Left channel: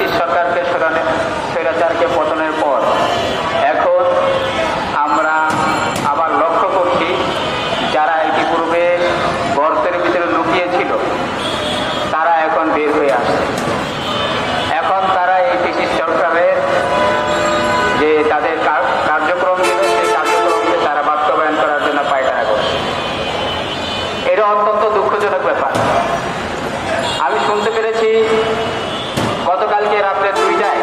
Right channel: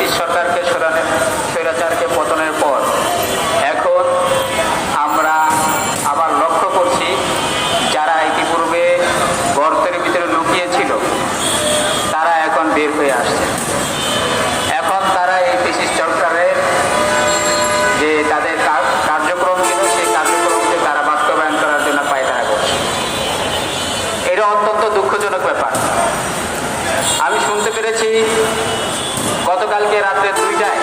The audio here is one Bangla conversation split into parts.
ব্রিটিশ সরকার রাত্রে দুইটায়।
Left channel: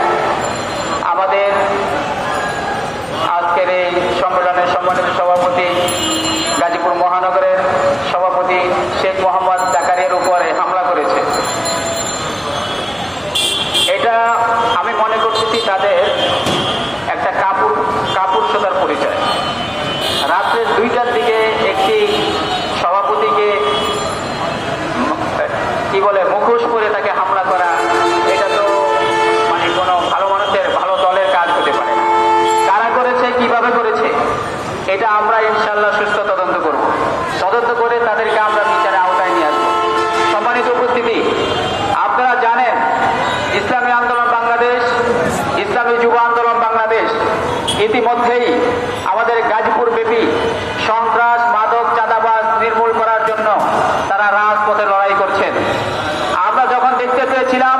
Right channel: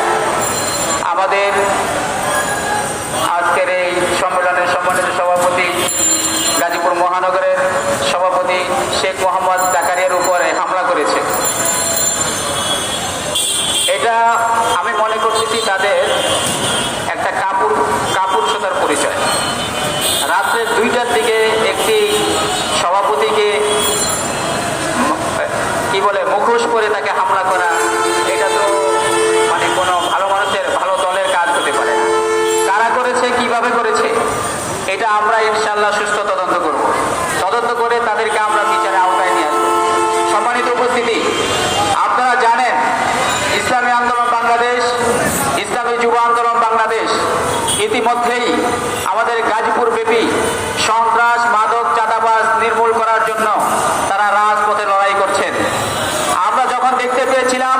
আমাদের আজকের এই সংগঠনের সম্মানিত সভাপতি গাজীপুর মহানগরের সভাপতি শেখ মোহাম্মদ জাকারিয়ার উপরে হামলা করেছে। এটা আমি মনে করতেছি তাদের একটা কাপুর, কাপুরুষতার পরিচয়। রাত্রে দুইটার দিকে একটি সভাপতিকে কি বলে, মুখোশ করে তাকে হামলা করা ইনশাল্লাহ সুস্থ তদন্ত করব তদন্ত করে তাদেরকে আমরা বিচারে আওতায় নিয়ে আসব। সম্মানিত উপস্থিতি, আপনারা জানেন, ইসলামী আন্দোলন বাংলাদেশ, ইসলামী যুব আন্দোলন বাংলাদেশ। ইতিমধ্যেই আমাদের গাজীপুর ব্যাপী সন্ত্রাস, মাদক চাঁদাবাস নির্মূল করার জন্য তারা রাজপথে লড়াই করছেন। আমরা যখন দেখতে পেয়েছিলাম